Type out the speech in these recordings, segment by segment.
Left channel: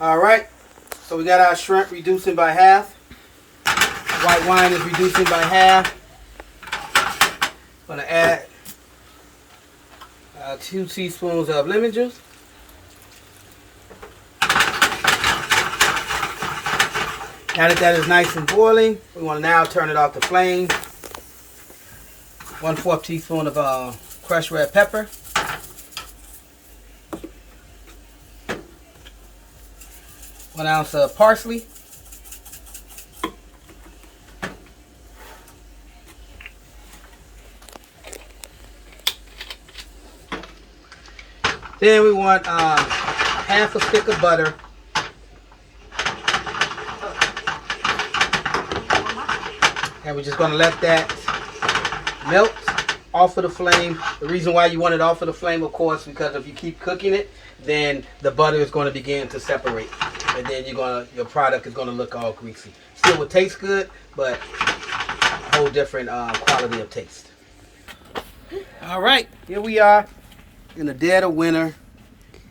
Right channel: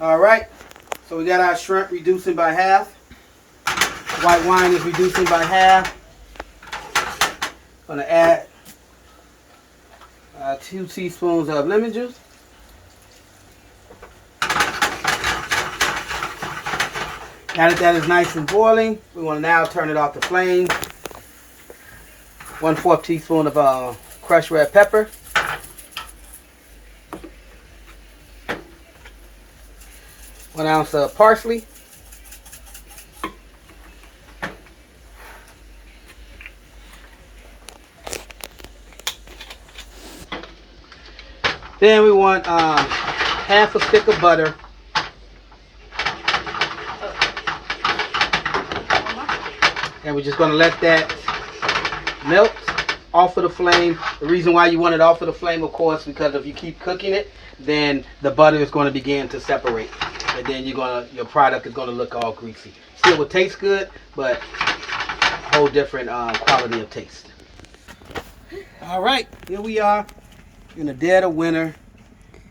All right, so we got our shrimp reducing by half. White wine is reducing by half. Gonna add 2 teaspoons of lemon juice. Now that is nice and boiling, we want to now turn it off the flame. 1/4 teaspoon of crushed red pepper. 1 ounce of parsley. Then we want half a stick of butter. And we're just going to let that melt off of the flame. The reason why you want it off of the flame, of course, because if you keep cooking it, then the butter is going to begin to separate. And then your product is going to look all greasy. Still will taste good, but a whole different quality of taste. All right, here we are in the dead of winter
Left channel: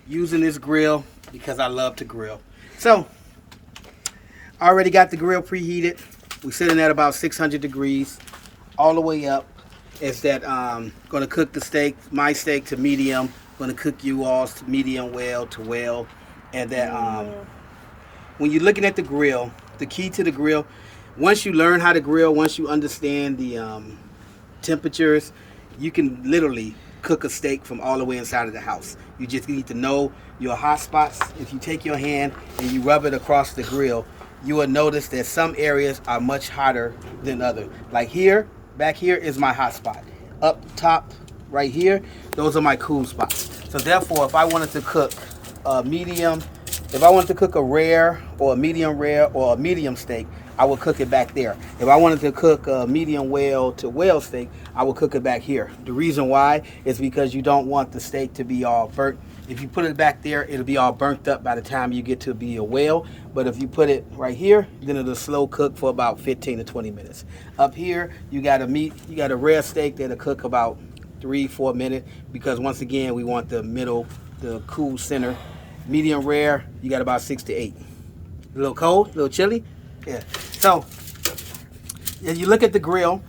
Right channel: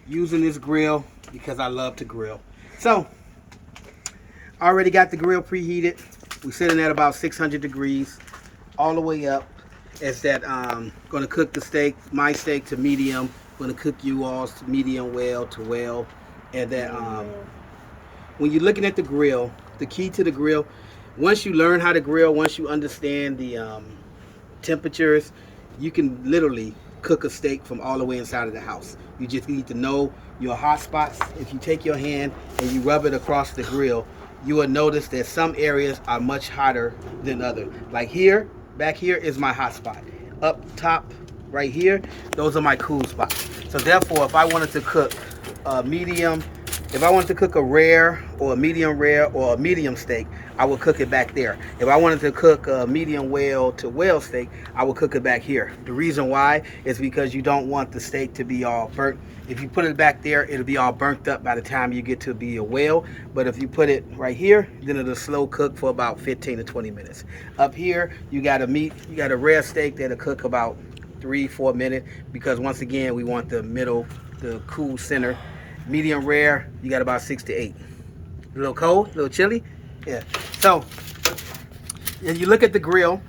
using this grill because I love to grill. So, I already got the grill preheated. We're sitting at about 600 degrees all the way up. It's that going to cook the steak, my steak to medium. Going to cook you all's to medium well to well. And that when you're looking at the grill, the key to the grill, once you learn how to grill, once you understand the temperatures, you can literally cook a steak from all the way inside of the house. You just need to know your hot spots. If you take your hand and you rub it across the grill, you will notice that some areas are much hotter than others. Like here, back here is my hot spot. Up top, right here, those are my cool spots. So therefore, if I wanted to cook a medium, if I wanted to cook a rare or a medium rare or a medium steak, I would cook it back there. If I wanted to cook a medium well to well steak, I would cook it back here. The reason why is because you don't want the steak to be all burnt. If you put it back there, it'll be all burnt up by the time you get to be a well. But if you put it right here, then it'll slow cook for about 15 to 20 minutes. Up here, you got a rare steak that'll cook about 3-4 minutes, because once again, we want the middle, the cool center. Medium rare, you got about 6 to 8. A little cold, a little chilly. Yeah. So, if you look at the grill,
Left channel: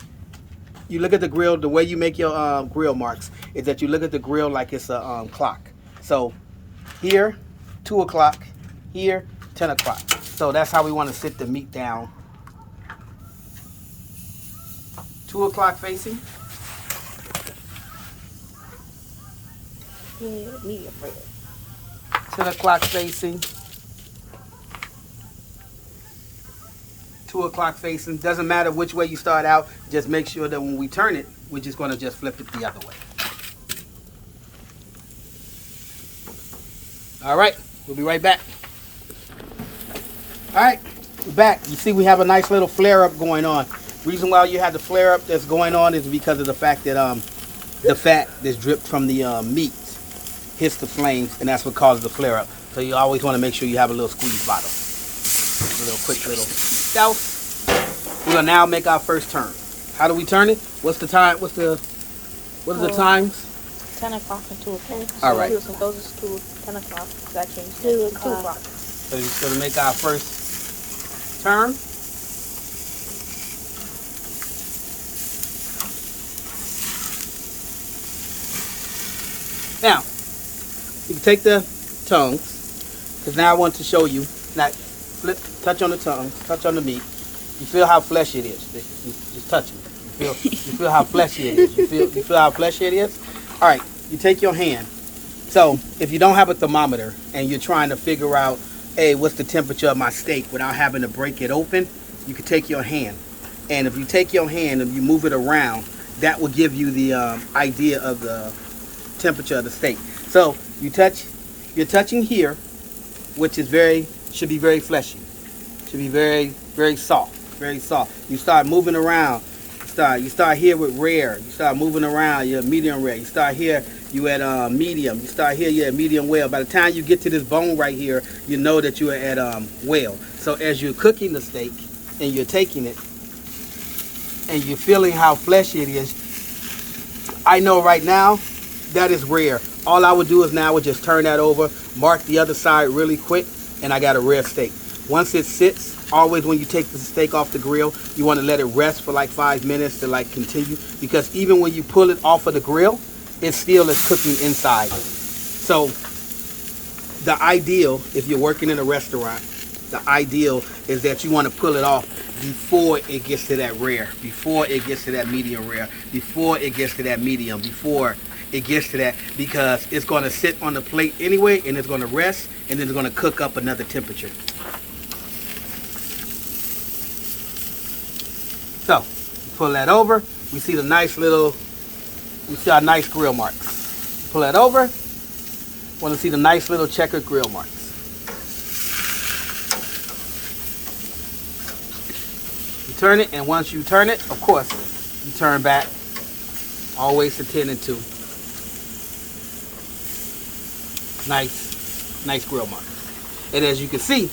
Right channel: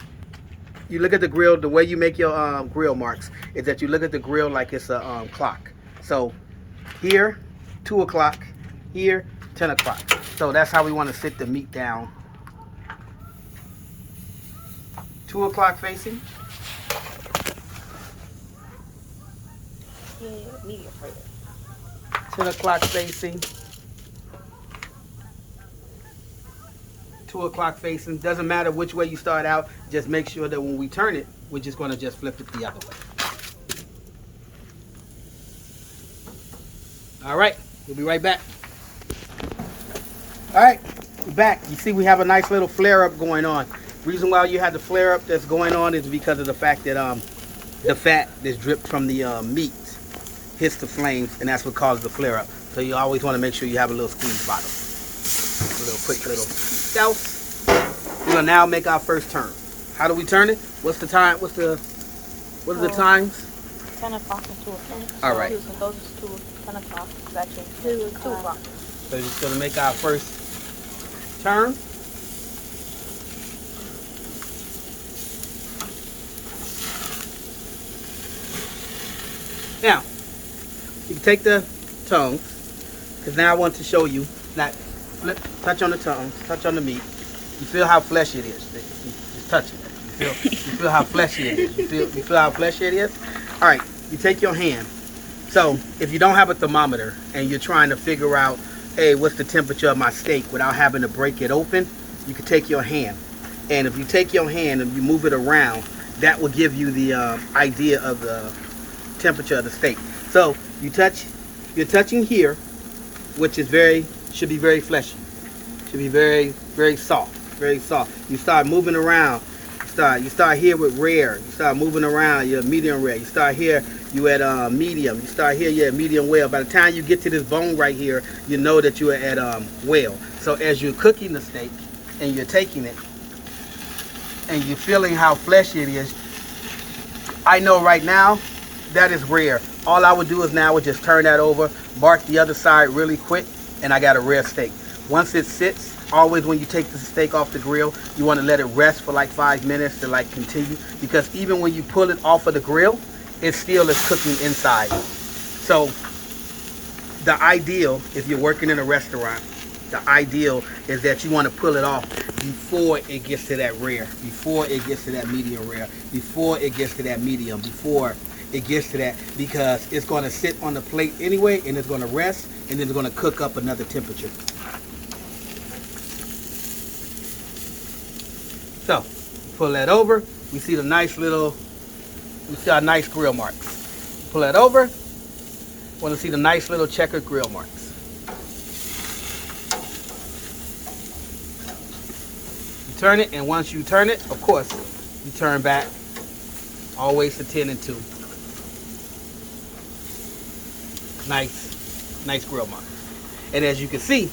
the way you make your grill marks is that you look at the grill like it's a clock. So here, 2 o'clock, here, 10 o'clock. So that's how we want to sit the meat down. 2 o'clock facing. Yeah, 10 o'clock facing. 2 o'clock facing. Doesn't matter which way you start out. Just make sure that when we turn it, we're just going to just flip it the other way. All right, we'll be right back. All right, we're back. You see we have a nice little flare up going on. The reason why you have the flare up that's going on is because of the fact that the fat that's dripped from the meat hits the flames, and that's what causes the flare up. So you always want to make sure you have a little squeeze bottom. A little quick little douse. We'll now make our first turn. How do we turn it? What's the time? What are the times? 10 o'clock and 2 o'clock. All right. Those 10 o'clock. It's actually 2 o'clock. So you're going to make our first turn. Now, you can take the tongues, because now I want to show you. Now, flip, touch on the tongues, touch on the meat. You feel how fleshy it is. Just touching it. You feel how fleshy it is. You feel how fleshy it is? All right, you take your hand. So, if you don't have a thermometer and you're trying to figure out, hey, what's the temperature of my steak without having to break it open, you can take your hand. And if you take your hand and you move it around, that will give you the idea of the temperature of the steak. So, you're touching here, which is should be very fleshy. Should be very, very soft, very soft. You start moving around. You start here with rare. You start moving around. You're medium rare. You start here. You at medium. You start here. You're at medium well. By the time you get to this bone right here, you know that you are at well. So as you're cooking the steak and you're taking it and you're feeling how fleshy it is, I know right now that is rare. All I would do is now would just turn that over, mark the other side really quick, and I got a rare steak. Once it sits, always when you take the steak off the grill, you want to let it rest for like 5 minutes to like continue, because even when you pull it off of the grill, it still is cooking inside. So the ideal, if you're working in a restaurant, the ideal is that you want to pull it off before it gets to that rare, before it gets to that medium rare, before it gets to that medium, before it gets to that, because it's going to sit on the plate anyway, and it's going to rest, and then it's going to cook up another temperature. So, pull that over. We see the nice little, we see our nice grill marks. Pull that over. Want to see the nice little checkered grill marks. You turn it, and once you turn it, of course, you turn back always to 10 and 2. Nice grill marks. And as you can see,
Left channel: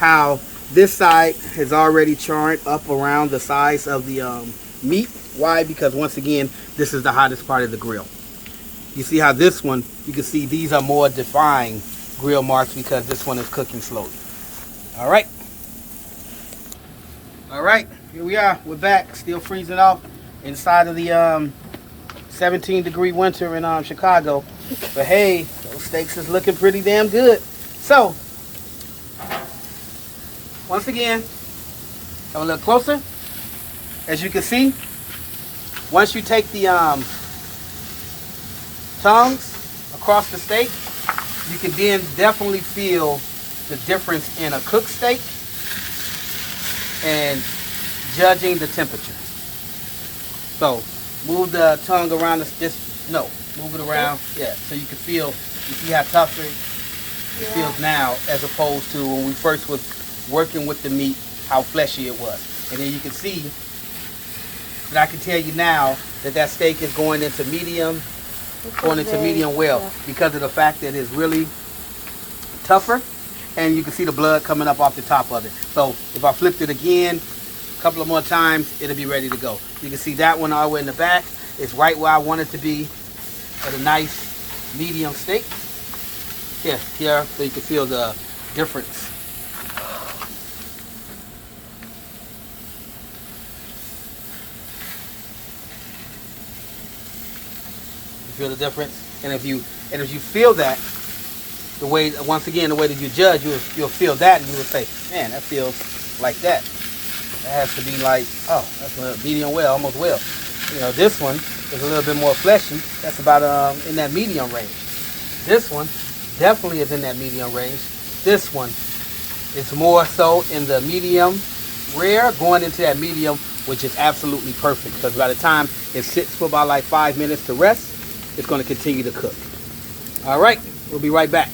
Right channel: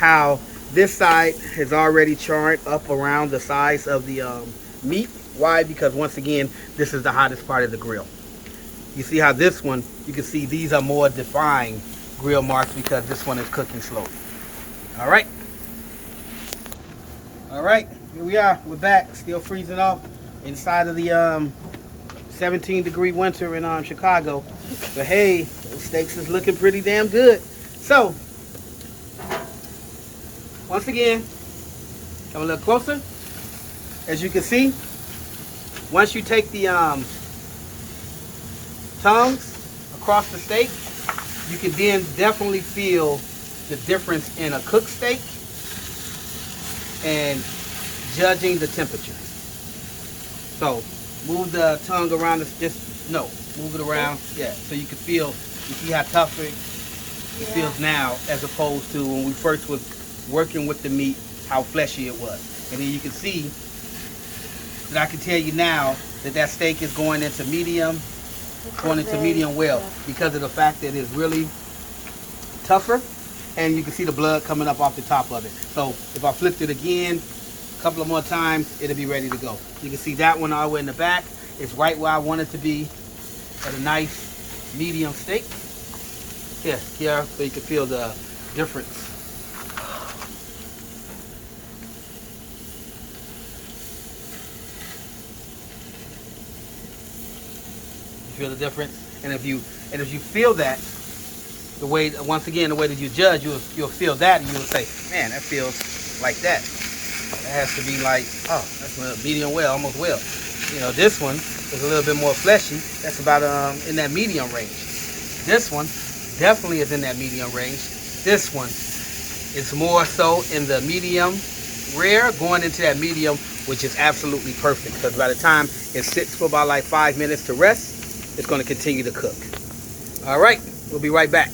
how this side has already charred up around the size of the meat. Why? Because once again, this is the hottest part of the grill. You see how this one, you can see these are more defined grill marks because this one is cooking slowly. All right. All right, here we are. We're back, still freezing off inside of the 17-degree winter in Chicago. But hey, those steaks is looking pretty damn good. So, once again, a little closer. As you can see, once you take the tongues across the steak, you can then definitely feel the difference in a cooked steak and judging the temperature. So, move the tongue around, move it around, yeah, so you can feel, you see how tough it feels now as opposed to when we first was working with the meat, how fleshy it was. And then you can see that I can tell you now that that steak is going into medium, well, because of the fact that it's really tougher, and you can see the blood coming up off the top of it. So if I flipped it again a couple of more times, it'll be ready to go. You can see that one all the way in the back. It's right where I want it to be at a nice medium steak. Here, so you can feel the difference. You feel the difference? And if you feel that, the way that you judge, you'll feel that, and you'll say, man, that feels like that. That has to be like, oh, that's a medium well, almost well. You know, this one is a little bit more fleshy. That's about in that medium range. This one definitely is in that medium range. This one is more so in the medium rare, going into that medium, which is absolutely perfect, because by the time it sits for about like 5 minutes to rest, it's going to continue to cook. All right, we'll be right back.